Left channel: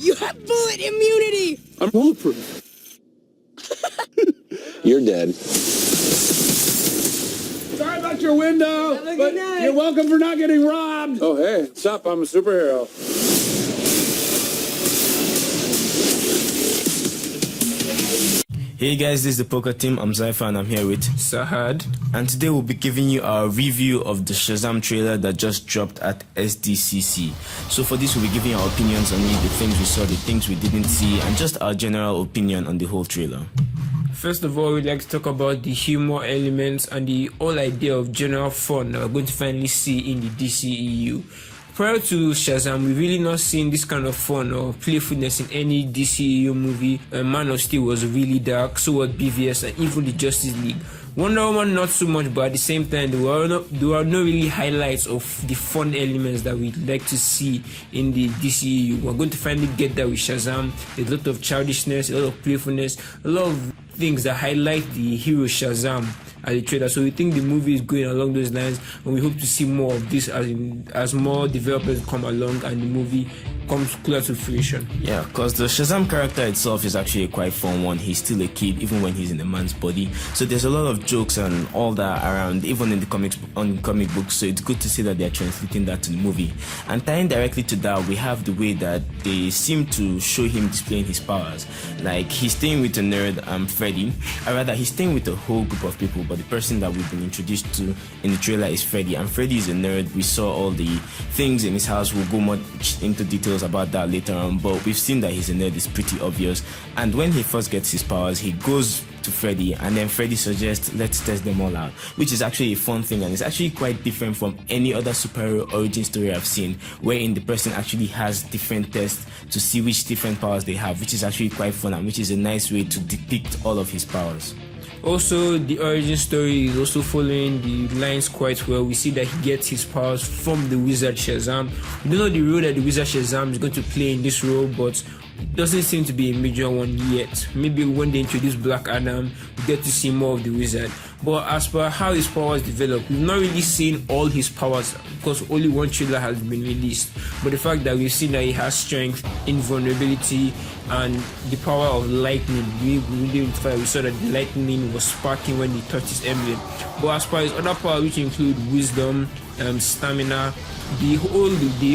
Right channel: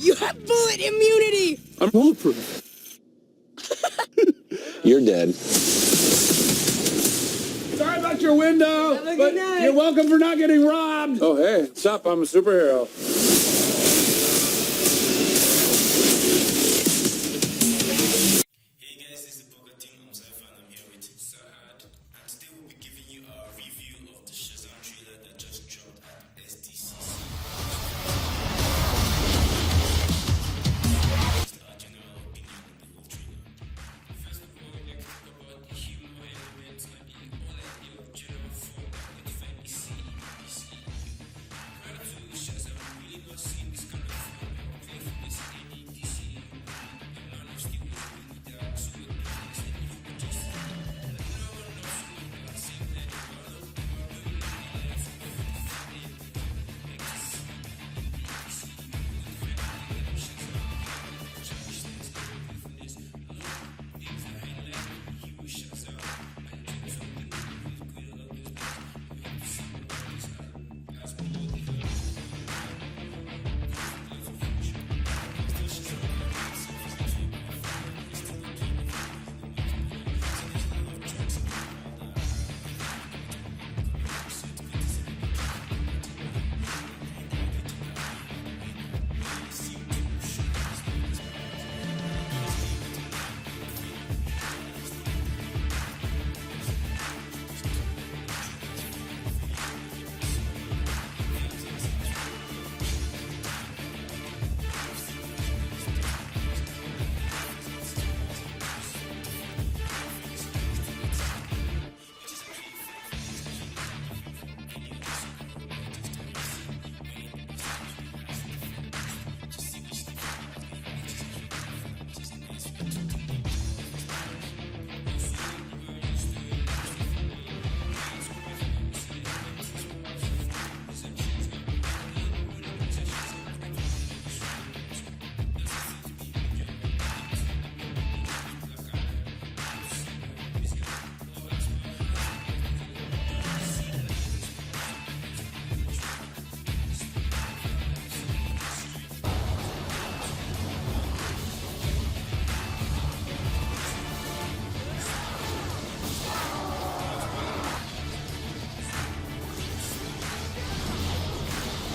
You have bullet immunity! I'm bulletproof. You're dead. Sorry about your window, Have a but good night. you're welcome for not getting robbed. Oh, hey, what's up? I'm a superhero. Hey guys, this is the Poker Team. I'm Zaifa and I'm here with Sahad. And today we'll be giving you our review of the Shazam trailer that just dropped at SDCC. So for this, we'll be giving our opinions on the things we saw, the things we didn't see, and just our general opinion on the whole trailer. First of all, we'd like to talk about the humor elements and the whole idea of general fun that we're going to finally see in the DCEU. Prior to Shazam, we've really not seen this kind of fun or playfulness in any DCEU movie. Man of Steel was really dark, so was BVS, and even the Justice League. Wonder Woman not so much, but at the same time there were no really highlights of the fun elements that we'd like to see in the DCEU. We're going to finally get that with Shazam. There's a lot of childishness, a lot of playfulness, a lot of things that highlight the hero Shazam at the trailer. So we think the movie is going along those lines, and we hope to see more of this as more developers come along and the movie comes closer to fruition. Yeah, because the Shazam character itself is actually a quite fun one. He's still a kid even when he's in a man's body. So there's a lot of jokes and all that around, even in the comic books. So it's good to see that they're translating that to the movie. And tying directly to that, we have the way that they seem to show him displaying his powers. Like he's staying with a nerd, Freddy. Or rather, he's staying with a whole group of people, but the person that we've been introduced to in the trailer is Freddy. And Freddy is a nerd. We saw all the things in his house. We'll go much into details about that later on, but we've seen that he's a nerd. It's pretty obvious. And when he first gets his powers, he goes to Freddy, and then Freddy suggests, let's test them all out, which is actually a fun thing, and it's actually quite different from any other superhero origin story I've seen, wherein the person actually has different tests to see which different powers they have, which is actually quite fun, and which is a nice way to depict all of his powers. Also, the origin story is also following the lines quite well. We see that he gets his powers from the wizard Shazam. We don't know the role that the wizard Shazam is going to play in this role, but doesn't seem to be a major one yet. Maybe when they introduce Black Adam, we get to see more of the wizard. But as per how his powers develop, we've not really seen all his powers because only one trailer has been released. But the fact that we've seen that he has strength, invulnerability, and the power of lightning, we saw that the lightning was sparking when he touched his emblem. But as per his other powers, which include wisdom, stamina, the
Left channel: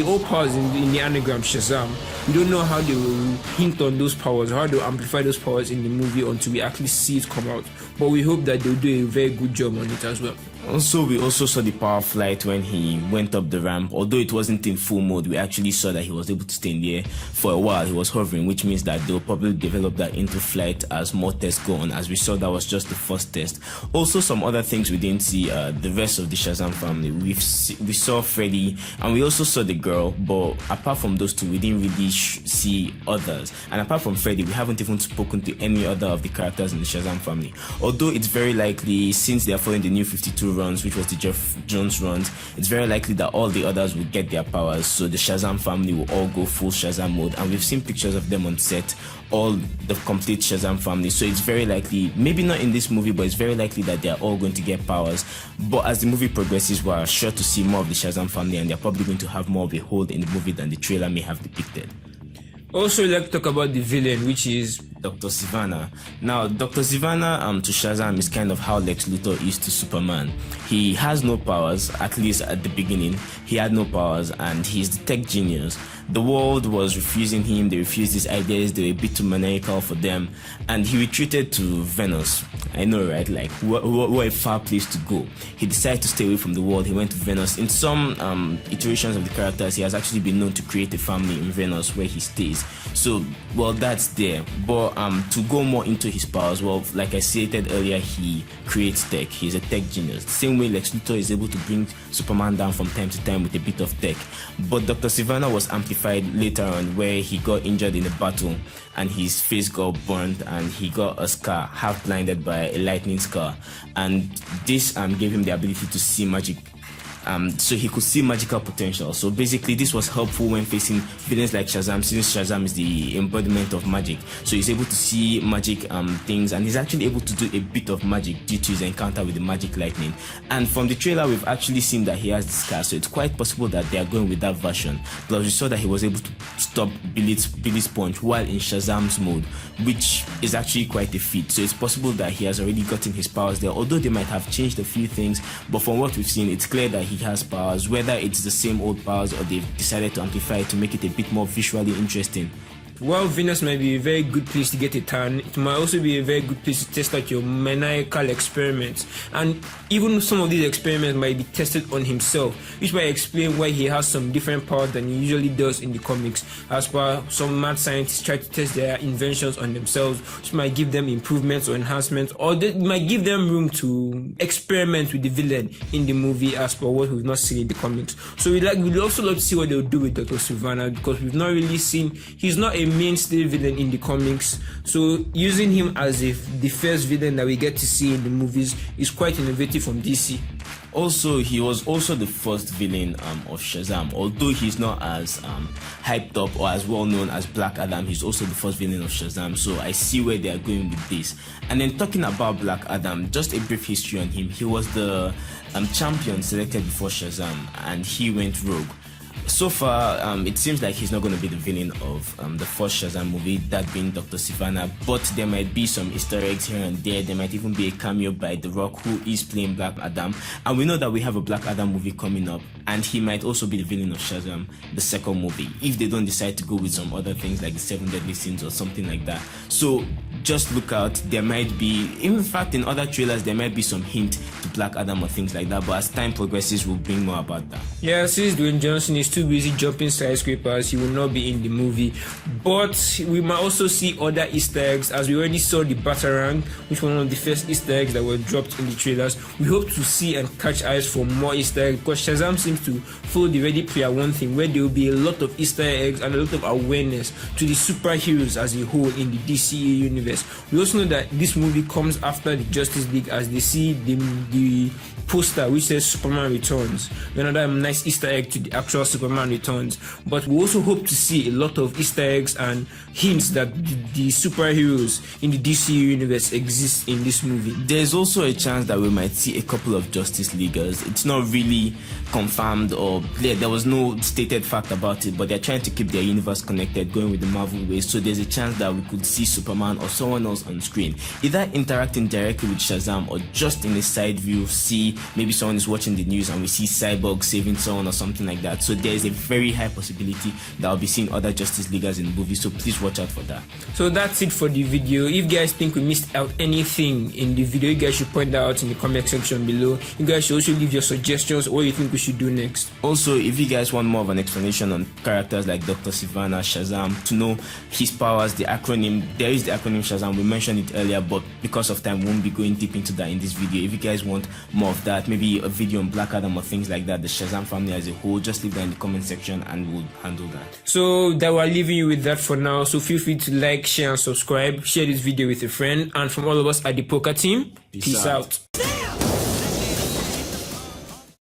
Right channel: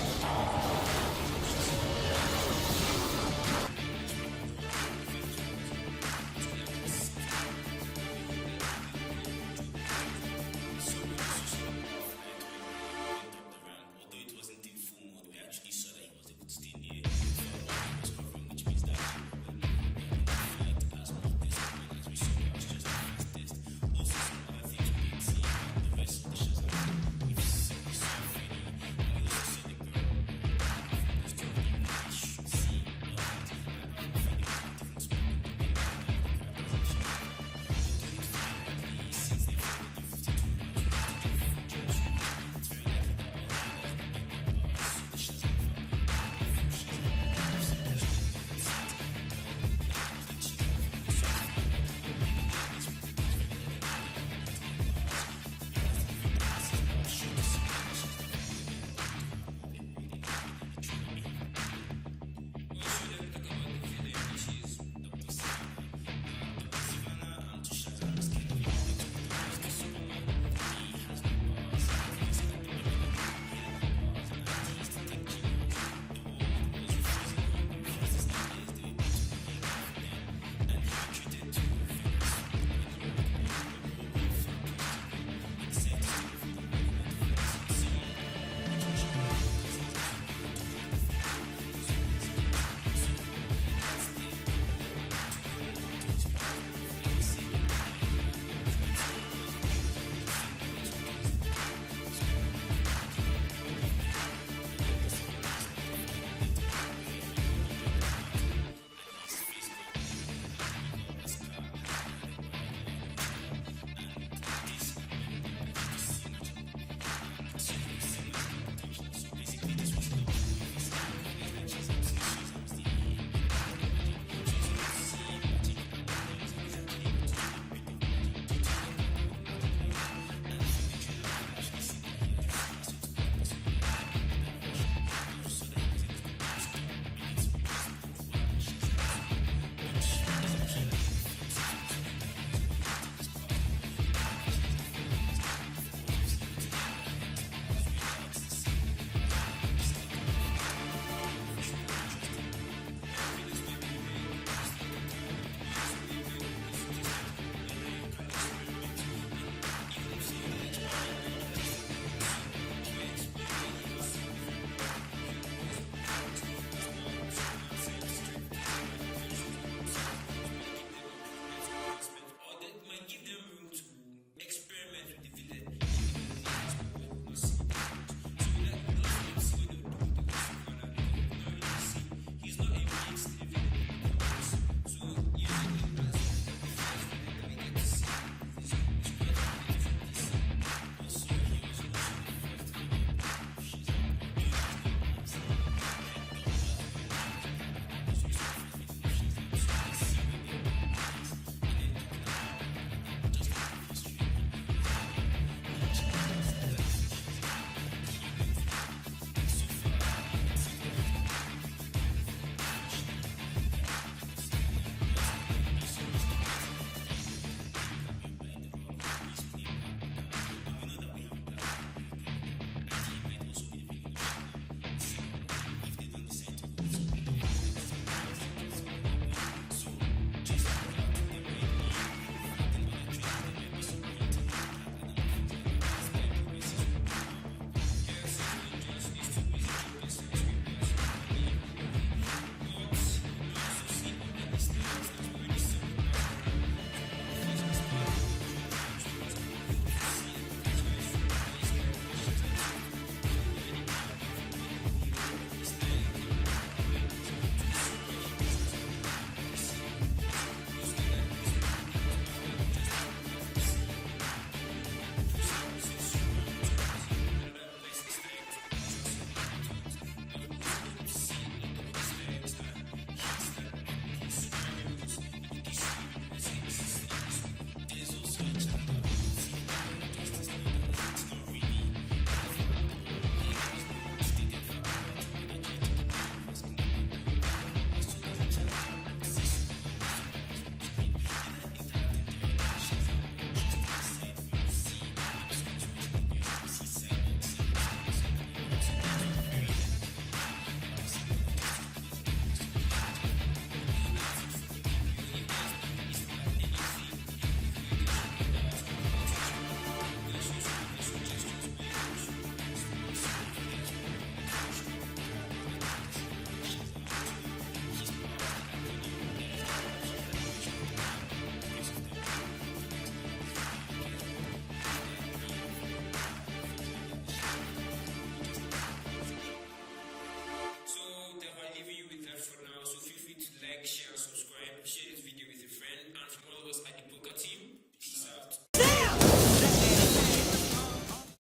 whole powers in the anagram Shazam, we don't know how they will hint on those powers, how they will amplify those powers in the movie until we actually see it come out. But we hope that they'll do a very good job on it as well. Also, we also saw the power flight when he went up the ramp. Although it wasn't in full mode, we actually saw that he was able to stay in the air for a while. He was hovering, which means that they'll probably develop that into flight as more tests go on. As we saw, that was just the first test. Also, some other things we didn't see, the rest of the Shazam family. We saw Freddy, and we also saw the girl, but apart from those two, we didn't really see others. And apart from Freddy, we haven't even spoken to any other of the characters in the Shazam family. Although it's very likely, since they are following the new 52 runs, which was the Jeff Jones runs, it's very likely that all the others will get their powers, so the Shazam family will all go full Shazam mode, and we've seen pictures of them on set, all the complete Shazam family. So it's very likely, maybe not in this movie, but it's very likely that they're all going to get powers. But as the movie progresses, we're sure to see more of the Shazam family, and they're probably going to have more of a hold in the movie than the trailer may have depicted. Also, we'd like to talk about the villain, which is Dr. Sivana. Now, Dr. Sivana to Shazam is kind of how Lex Luthor is to Superman. He has no powers, at least at the beginning. He had no powers, and he's the tech genius. The world was refusing him, they refused his ideas, they were a bit too maniacal for them, and he retreated to Venus. I know, right? Like, what a far place to go. He decided to stay away from the world. He went to Venus. In some iterations of the characters, he has actually been known to create a family in Venus where he stays. So, well, that's there. But to go more into his powers, well, like I stated earlier, he creates tech. He's a tech genius. The same way Lex Luthor is able to bring Superman down from time to time with a bit of tech. But Dr. Sivana was amplified later on, where he got injured in a battle and his face got burned and he got a scar, half blinded by a lightning scar, and this gave him the ability to see magic. so he could see magical potential. So basically this was helpful when facing villains like Shazam, since Shazam is the embodiment of magic. So he's able to see magic things, and he's actually able to do a bit of magic due to his encounter with the magic lightning. And from the trailer we've actually seen that he has the scar, so it's quite possible that they are going with that version. Plus we saw that he was able to stop Billy's punch while in Shazam's mode, which is actually quite a feat. So it's possible that he has already gotten his powers there, although they might have changed a few things, but from what we've seen it's clear that he has powers, whether it's the same old powers or they've decided to amplify it to make it a bit more visually interesting. While Venus might be a very good place to get a tan, it might also be a very good place to test out your maniacal experiments. And even some of these experiments might be tested on himself, which might explain why he has some different powers than he usually does in the comics. As per some mad scientists try to test their inventions on themselves, which might give them improvements or enhancements, or they might give them room to experiment with the villain in the movie as per what we've not seen in the comics. So we'd also love to see what they'll do with Dr. Sivana, because we've not really seen, he's not a mainstay villain in the comics, so using him as the first villain that we get to see in the movies is quite innovative from DC. Also, he was also the first villain of Shazam. Although he's not as hyped up or as well known as Black Adam, he's also the first villain of Shazam, so I see where they are going with this. And then talking about Black Adam, just a brief history on him. He was the champion selected before Shazam, and he went rogue. So far, it seems like he's not going to be the villain of the first Shazam movie, that being Dr. Sivana, but there might be some Easter eggs here and there. There might even be a cameo by The Rock, who is playing Black Adam, and we know that we have a Black Adam movie coming up, and he might also be the villain of Shazam, the second movie, if they don't decide to go with some other things like the 7 Deadly Sins or something like that. So just look out. There might be, in fact in other trailers there might be some hint to Black Adam or things like that, but as time progresses we'll bring more about that. Yeah, since Dwayne Johnson is too busy jumping skyscrapers, he will not be in the movie, but we might also see other Easter eggs, as we already saw the Batarang, which was one of the first Easter eggs that were dropped in the trailers. We hope to see and catch eyes for more Easter eggs, because Shazam seems to follow the Ready Player One thing, where there will be a lot of Easter eggs and a lot of awareness to the superheroes as a whole in the DCE universe. We also know that this movie comes after the Justice League, as they see the poster which says Superman Returns, another nice Easter egg to the actual Superman Returns. But we also hope to see a lot of Easter eggs and hints that the superheroes in the DC universe exist in this movie. There's also a chance that we might see a couple of Justice Leaguers. It's not really confirmed, or there was no stated fact about it, but they're trying to keep their universe connected, going with the Marvel ways. So there's a chance that we could see Superman or someone else on screen, either interacting directly with Shazam or just in a side view, see maybe someone is watching the news and we see Cyborg saving someone or something like that. So there's a very high possibility that I'll be seeing other Justice Leaguers in the movie, so please watch out for that. So that's it for the video. If you guys think we missed out anything in the video, you guys should point that out in the comment section below. You guys should also leave your suggestions, what you think we should do next. Also, if you guys want more of an explanation on characters like Dr. Sivana, Shazam, to know his powers, the acronym, there is the acronym Shazam, we mentioned it earlier, but because of time we won't be going deep into that in this video. If you guys want more of that, maybe a video on Black Adam or things like that, the Shazam family as a whole, just leave that in the comment section and we'll handle that. So that we're leaving you with that for now, so feel free to like, share and subscribe, share this video with a friend, and from all of us at the Poker team, peace out. Damn!